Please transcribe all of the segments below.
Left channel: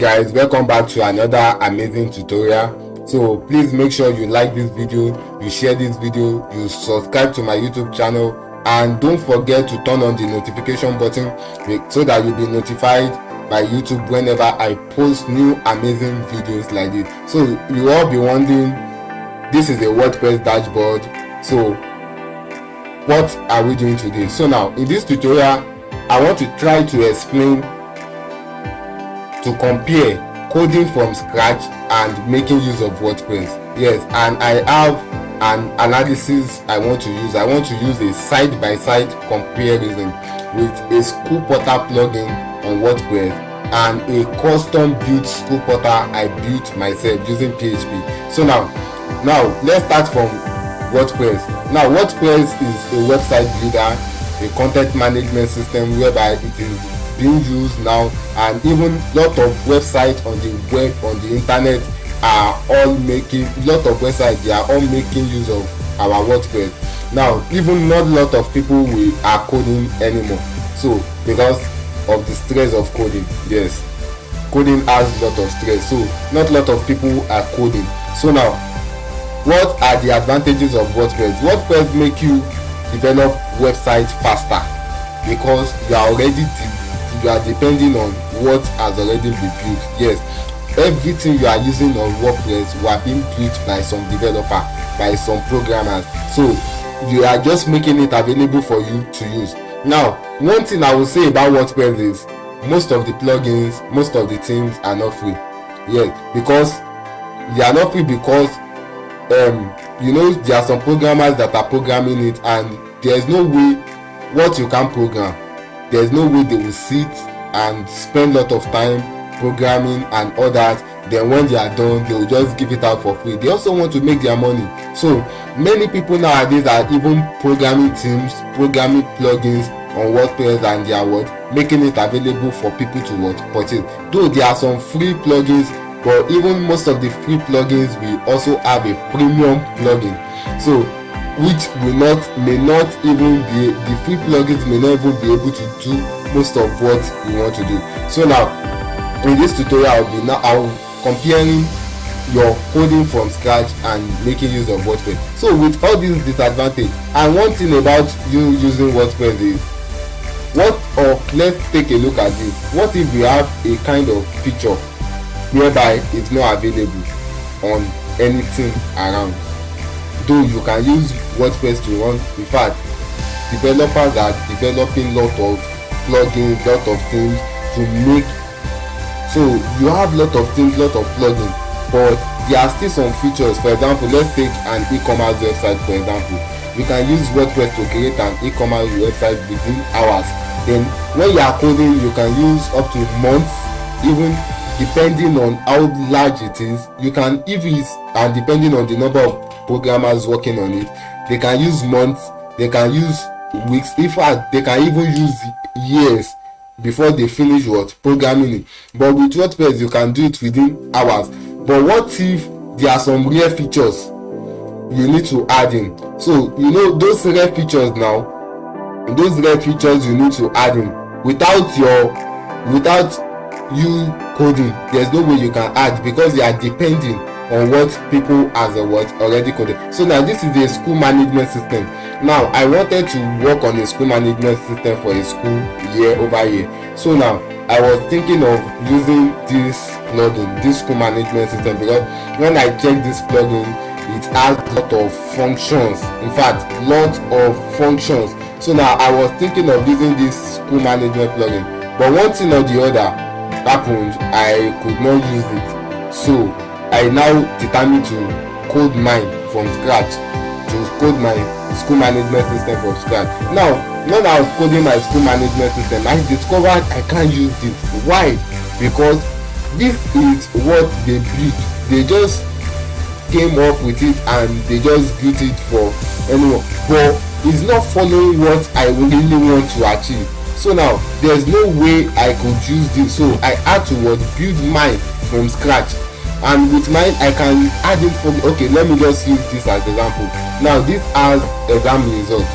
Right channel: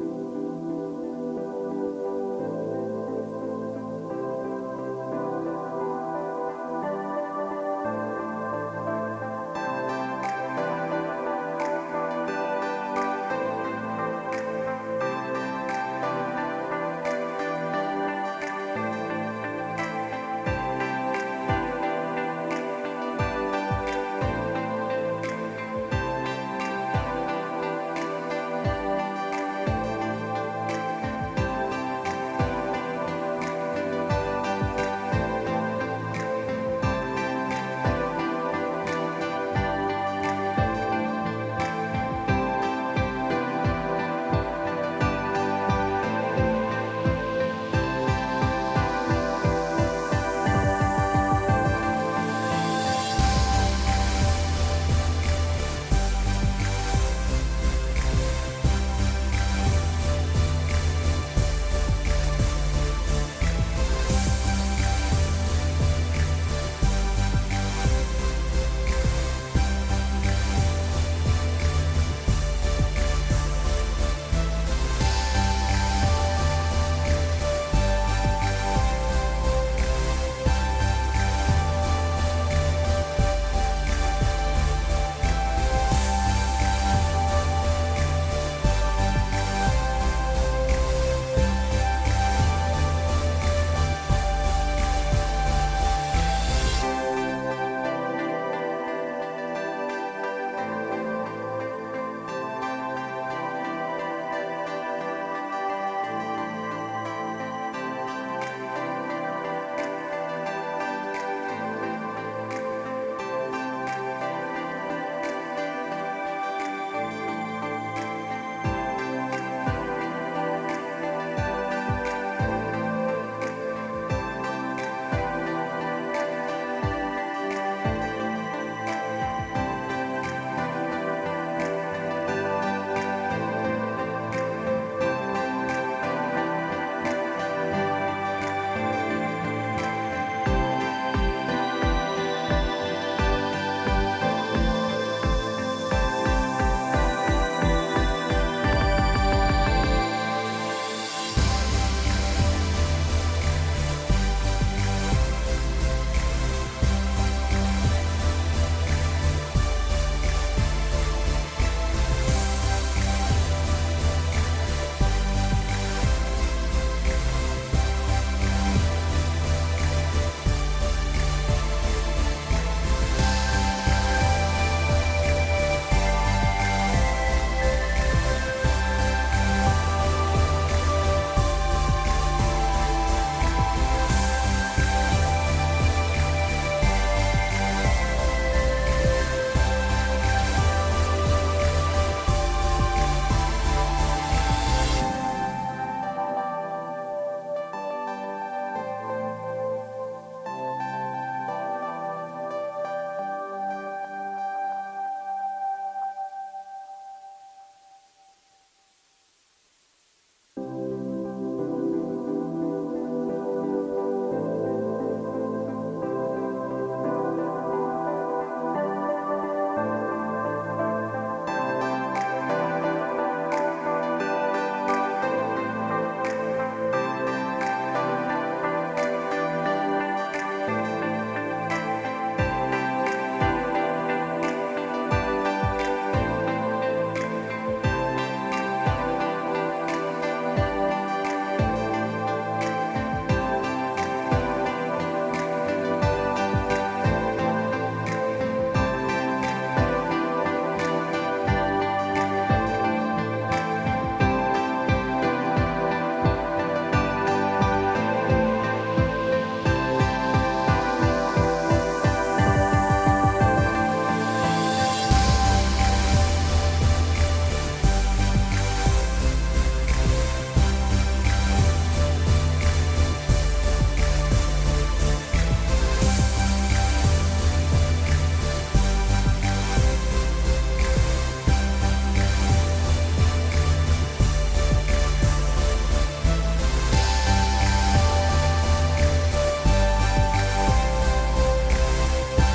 guys, welcome back to another amazing tutorial. So please make sure you like this video, you share this video, you subscribe to my YouTube channel, and don't forget to turn on the notification button so that you'll be notified by YouTube whenever I post new amazing videos like this. So you all be wondering, this is a WordPress dashboard. So what are we doing today? So now in this tutorial I want to try to explain to compare coding from scratch and making use of WordPress. Yes, and I have an analysis I want to use. I want to use a side-by-side comparison with a school portal plugin on WordPress and a custom built school portal I built myself using PHP. So now let's start from WordPress. Now WordPress is a website builder, a content management system whereby it is being used now, and even lot of websites on the web, on the internet are all making use of our WordPress. Now even not a lot of people are coding anymore, so because of the stress of coding. Yes, coding has a lot of stress, so not a lot of people are coding. So now what are the advantages of WordPress? WordPress make you develop websites faster because you are depending on what has already been built. Yes, everything you are using on WordPress were being built by some developer, by some programmers. So you are just making it available for you to use. Now, one thing I will say about WordPress is most of the plugins, most of the themes are not free. Yeah, because they are not free because there are some programmers that are programming it, and there is no way what you can program. There's no way they will sit and spend a lot of time programming and all that. Then when they are done, they will just give it out for free. They also want to make their money. So many people nowadays are even programming themes, programming plugins on WordPress, and they are making it available for people to purchase. Though there are some free plugins, but even most of the free plugins will also have a premium plugin. So which may not even be, the free plugins may not even be able to do most of what you want to do. So now in this tutorial I'll comparing your coding from scratch and making use of WordPress. So with all these disadvantages, and one thing about you using WordPress is let's take a look at this. What if you have a kind of feature whereby it's not available on anything around? Though you can use WordPress to run. In fact, developers are developing lot of plugins, lot of things to make. So you have lot of things, lot of plugins, but there are still some features. For example, let's take an e-commerce website. For example, you can use WordPress to create an e-commerce website within hours. Then when you are coding, you can use up to months, even depending on how large it is. You can, and depending on the number of programmers working on it, they can use months, they can use weeks. In fact, they can even use years before they finish programming it. But with WordPress you can do it within hours. But what if there are some rare features you need to add in? So those rare features you need to add in without you coding. There's no way you can add, because they are depending on what people have already coded. So now this is a school management system. Now I wanted to work on a school management system for a school over year. So now I was thinking of using this plugin, this school management system, because when I check this plugin, it has a lot of functions. In fact, lot of functions. So now I was thinking of using this school management plugin, but one thing or the other happened. I could not use it. So I now determined to code mine from scratch, to code my school management system from scratch. Now, when I was coding my school management system, I discovered I can't use it. Why? Because this is what they built. They just came up with it and they just built it for anyone. But it's not following what I really want to achieve. So now there's no way I could use this. So I had to build mine from scratch. And with mine I can add it for let me just use this as example. Now this has exam results.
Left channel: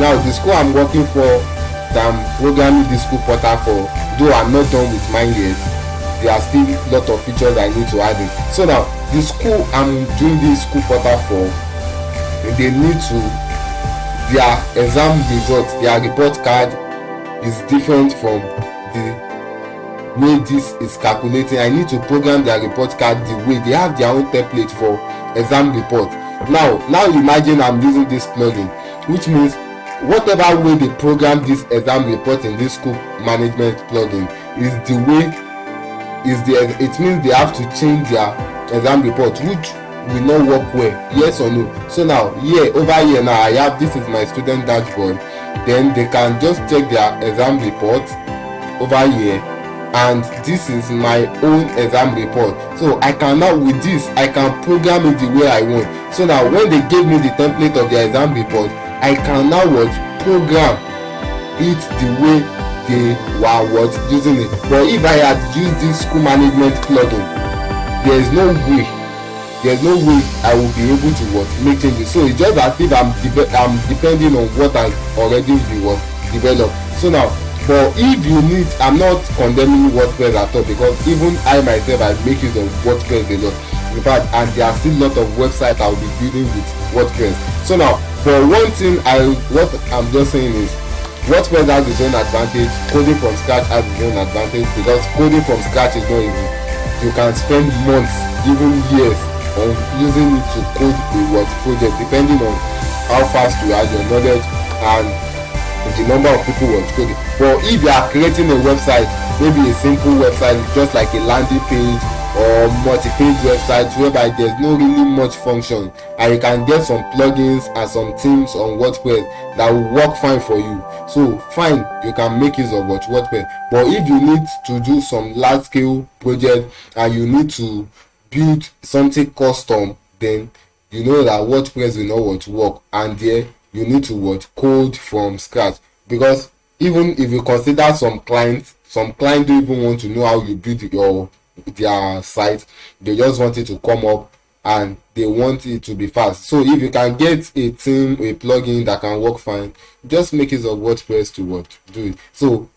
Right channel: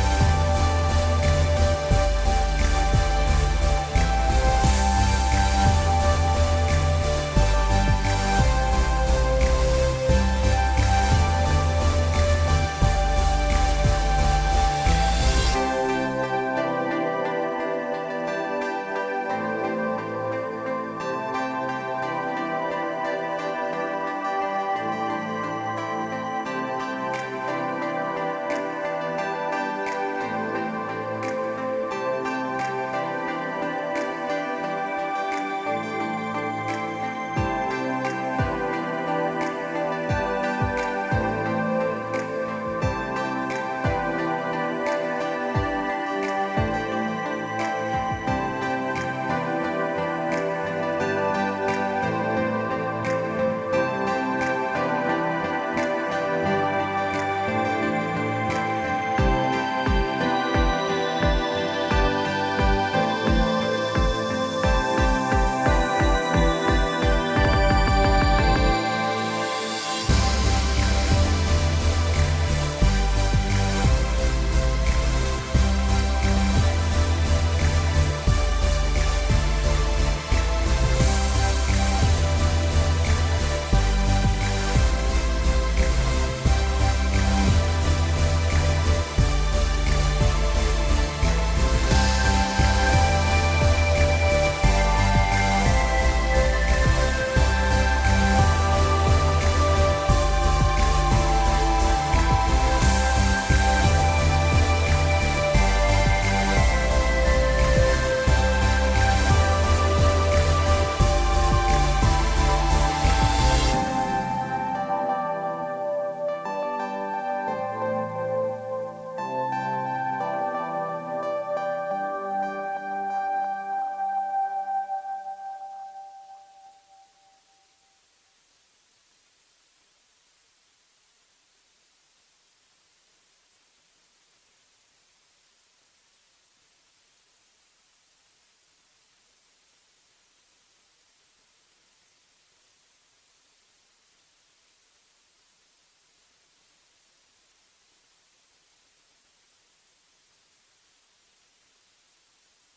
Now the school I'm working for, that I'm programming the school portal for, though I'm not done with mine yet, there are still a lot of features I need to add in. So now the school I'm doing this school portal for, they need to, their exam results, their report card is different from the way this is calculating. I need to program their report card the way they have their own template for exam report. Now imagine I'm using this plugin, which means whatever way they program this exam report in this school management plugin is the way it means they have to change their exam report, which will not work well, yes or no. So now over here now I have, this is my student dashboard, then they can just check their exam report over here, and this is my own exam report. So I can now, with this I can program it the way I want. So now when they give me the template of their exam report, I can now program it the way they were using it. But if I had used this school management plugin, there is no way I will be able to make changes. So it's just as if I'm depending on what I already developed. So now, but if you need, I'm not condemning WordPress at all, because even I myself I make use of WordPress a lot. In fact, and there are still a lot of websites I'll be building with WordPress. So now, for one thing, what I'm just saying is, WordPress has its own advantage, coding from scratch has its own advantage, because coding from scratch is not easy. You can spend months, even years, on using it to code the project, depending on how fast you have your knowledge and the number of people who are coding. But if you are creating a website, maybe a simple website, just like a landing page or multi-page website whereby there's no really much function, and you can get some plugins and some themes on WordPress that will work fine for you, so fine, you can make use of WordPress. But if you need to do some large scale project and you need to build something custom, then you know that WordPress will not work, and there you need to code from scratch. Because even if you consider some clients don't even want to know how you build their site, they just want it to come up and they want it to be fast. So if you can get a theme, a plugin that can work fine, just make use of WordPress to do it. So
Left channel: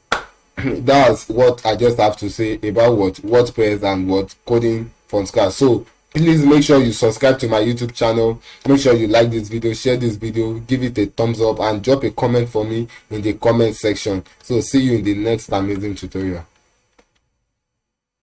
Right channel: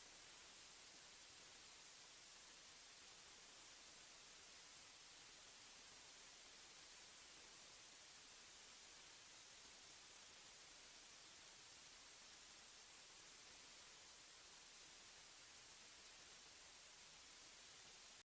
that's what I just have to say about WordPress and coding from scratch. So please make sure you subscribe to my YouTube channel, make sure you like this video, share this video, give it a thumbs up, and drop a comment for me in the comment section. So see you in the next amazing tutorial.